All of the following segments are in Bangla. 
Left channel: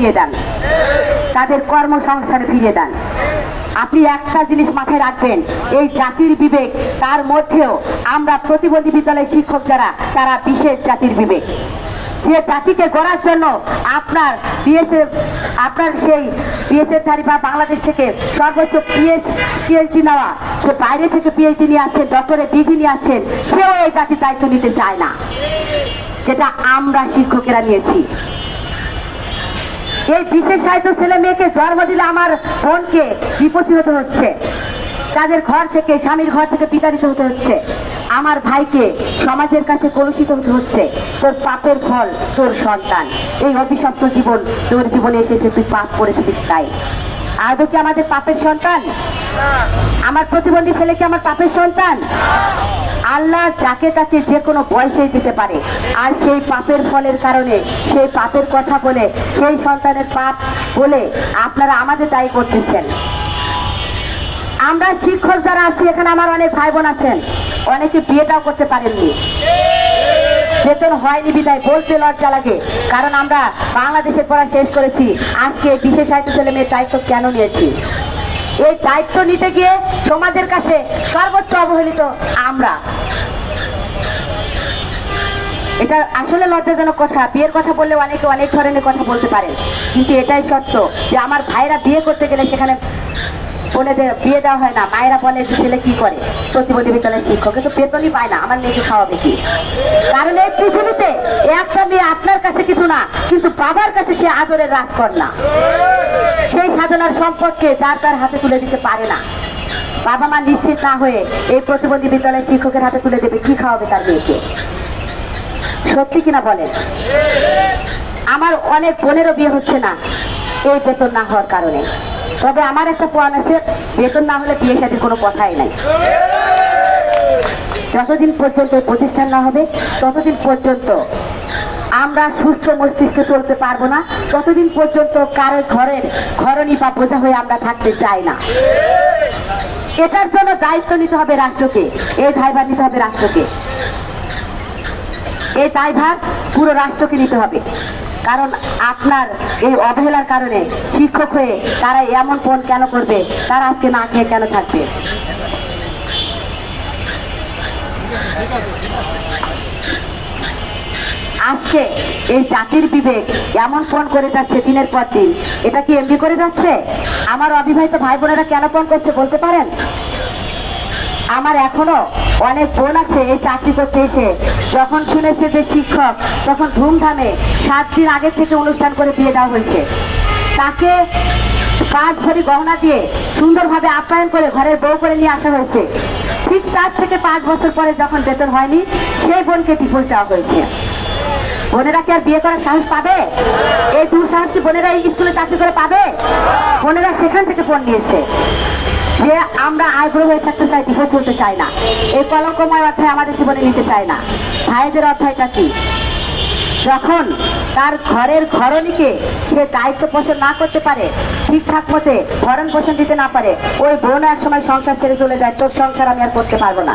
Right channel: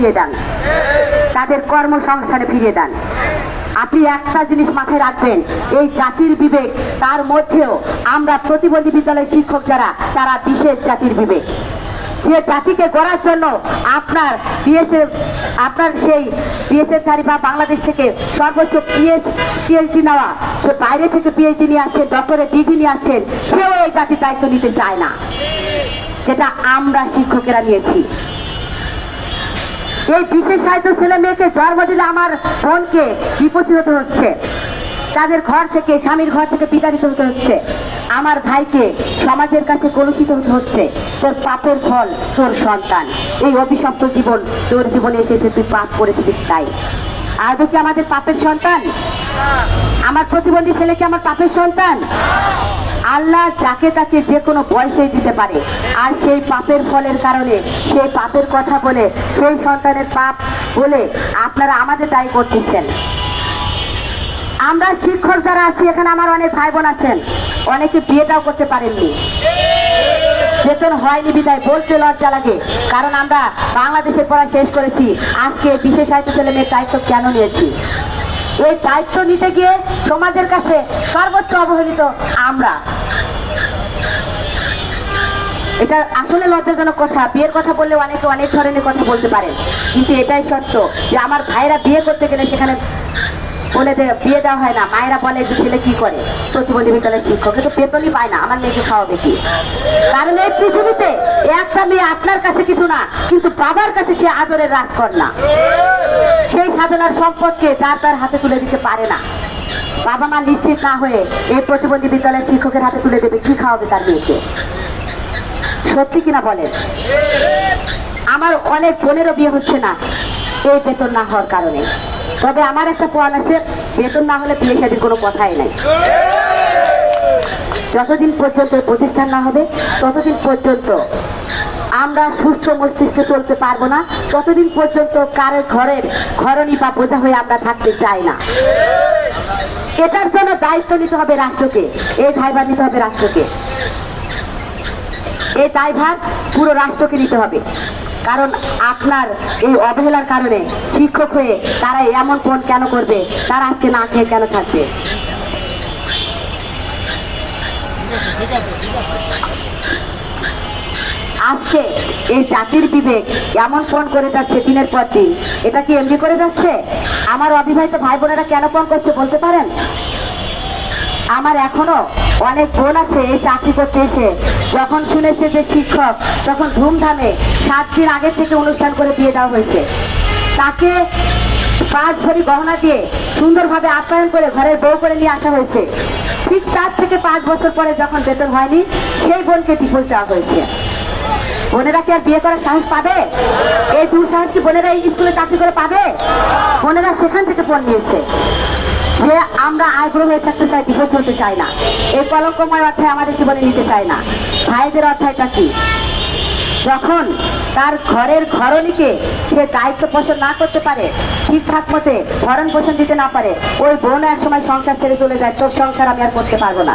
ফিরিয়ে দেন। তাদের কর্মসংস্থানে ফিরিয়ে দেন। আপনি একটা জিনিস মাথায় রাখবেন, এই জাতির বিবেক, তার মধ্যেও আমরা প্রতিবন্ধী বিদ্যালয়ের শিক্ষক যারা, তারা বিশেষ জাতির বিবেক। যে জাতিকে গড়ার জন্য আপনার বিএসএফ, আপনার সেই বিএসএফ চারি বা বাংলাদেশ থেকে সর্বোচ্চ পিএস পিএইচডি নেওয়া যে বাইরে থেকে পিএইচডি নিয়ে আসছেন ডক্টরের ডিগ্রি নিয়ে আসছেন, সেও এই জাতির দায়িত্ব নিতে চায় না। যেটা আমরা শিক্ষকেরা নিয়েছি। এই বিশেষায়িত ছেলে মেয়েকে জন্ম দিলে আমার বোনকে বিপত্তি হতে হচ্ছে। তাদের ঘর থেকে, স্বামীর ঘর থেকে বিতাড়িত হতে হচ্ছে। আমার ভাইকে সমাজের কাছে কলুষিত হতে হচ্ছে। তোর পাপের ফল, তোর সন্তান। এই অভিশপ্ত জীবন, তোর জীবনে এসেছে, তুই পাপ করেছিস তাই। আদৌ কি আমাদের পাপের সন্তান? আমার প্রতিবন্ধী ছেলে কি আমার পাপের সন্তান? আল্লাহ যাকে তাকে যে কোনো বয়সে দিতে পারে। আর সেই পাপের ফলের কারণে, সেই পাপের কথা বলে, সেই সন্তানের পাপ বলে আপনারা আমাদের দায়ী করতেছেন। আমরা শিক্ষক যারা আছি, এখানে আমার অনেক ভাই বোন আছেন। অনেকে বিয়েটাও করতে পারেননি। বেতন হয়নি বিদায়, বলতে লজ্জা লাগে। কারণ আমরা বাংলাদেশে পড়া শেষ করেছি। আজকে বিশেষ সাহিত্য ছেলে মেয়ের দায়িত্ব কেন নিয়েছি? এই দায়িত্ব নিতে গিয়ে সমাজের কাছে সর্বোচ্চ অবহেলিত আমরা। এটা আসলে লজ্জাজনক কথা। বিয়ের কথা বললে অনেকে অনেক ধরনের কথা বলতে পারে। কিন্তু এটাই সত্য যে আমার ভাইরা বিয়ে করতে গেলে সেখানে বলে দে বিয়ে দেওয়া হয় না। মায়েরা বলে যে ছেলে কি করে? প্রতিবন্ধী বিদ্যালয়ের শিক্ষক। কিন্তু বেতনই পায় না আমার মেয়েকে খাওয়াবে কি? কারণ এই পৃথিবীতে একটা মেয়ে আপনার কাছে কিছু না, কিন্তু বাবার কাছে সে আদরের রাজকন্যা। সেই সাধনার সম্পদকে তার তার হাতে তুলে দিতে পারে না। বাবা মা নিশ্চিত না হয়ে এই প্রতিবন্ধী বিদ্যালয়ের শিক্ষকের হাতে তুলে দেবে। কি খাওয়াবে তার মেয়েকে? সত্যি কিনা বলেন? আমার অনেক বোনেরও বিয়ে হচ্ছে না। এই বেতন না হওয়ার কারণে। তবে আমার একটা পয়েন্ট আছে, বেতন না হলে বিয়ে শাদীর কোনো কথাই নাই। যতদিন পর্যন্ত প্রতিষ্ঠান না হবে, ততদিন পর্যন্ত আমরা সুস্থ মস্তিষ্কে চলতে পারব না। ততদিন পর্যন্ত কারের ঘরের ঘরণী বা বোঝা হয়ে আমরা থাকতে চাই না। এটার জন্য দায়িত্ব নিতে হবে রাষ্ট্রকে। এই দায়ভার নিতে হবে রাষ্ট্রকে। এই দায়ভার পুরো রাষ্ট্রকে নিতে হবে। কারণ আপনার এই অবহেলার কারণে শিক্ষক হয়ে তারা এমন ফোন কেন করবে, তারা আজকে না খেয়ে কেন থাকবে? আজকে এই জাতির বিবেক এমন ফোন করে যাচ্ছে দিনের পর দিন। এটা কি এমনি করে যাচ্ছে? আমার অবিবাহিত ভাই বোনেরা কেন ফোন করছে বলতে পারেন? আমার এখনও অনেক বোন আছে, এই চাকরি করতে এসে। যখন শুনেছে যে শিক্ষক, তখন ধুমধামে সাত দিন আগে থেকে অনুষ্ঠান করে বিয়ে দেওয়া হয়েছে। তাকে পাঁচ ভরি গহনা দিয়ে সুন্দরভাবে আপ্যায়ন করে ঘরের বউ করে নিয়ে আসা হয়েছে। ঠিক চার থেকে পাঁচ বছর পরে যখন বেতন হয়নি, সেই বোনকে ডিভোর্স দেওয়া হয়েছে। বোনেরা কি আর বিয়ে করার সাহস পাবে? এই দুঃসাহস বোনেরা এই স্কুলে চাকরি করে পাবে? বোনেরা সেখান থেকে ফোন নিয়েছে। আমরা আগ্রহ থাকতে চাই চাই না। এই আমাদের জীবনে নিতে না। ভাইদের কি? যখন তার ঘরের ঘরণীকে সে দায়িত্ব পোষণ না করতে পারে ঠিকঠাক মতে ভরণ পোষণ দিতে না পারে, ওই বোন এক সময় সংসার ছেড়ে চলে যায়, তোর সংসার আমি আর করতে পারব না।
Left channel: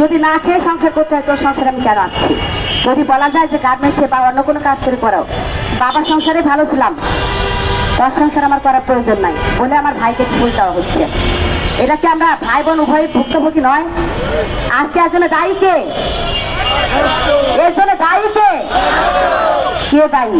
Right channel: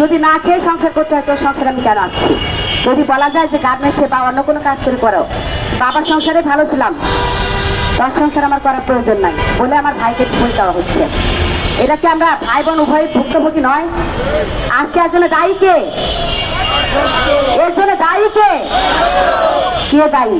যদি না খেয়ে সংসার করতে হয়, তোর সংসার আমি কেন আসছি যদি বলা যায় যে গার্মেন্টসে বা অন্য কোনো কাজ করে করো, বাবার সংসারে ভালো ছিলাম তোর সংসার আমার করার প্রয়োজন নাই বলে আমার ভাইকে ভুল দেওয়া হচ্ছে। এটা কি আমরা ভাই বোন উভয় ভুক্তভোগী নয়? আজকে আসলে দায়ী কে? এর জন্য দায়ী কে দায়ী?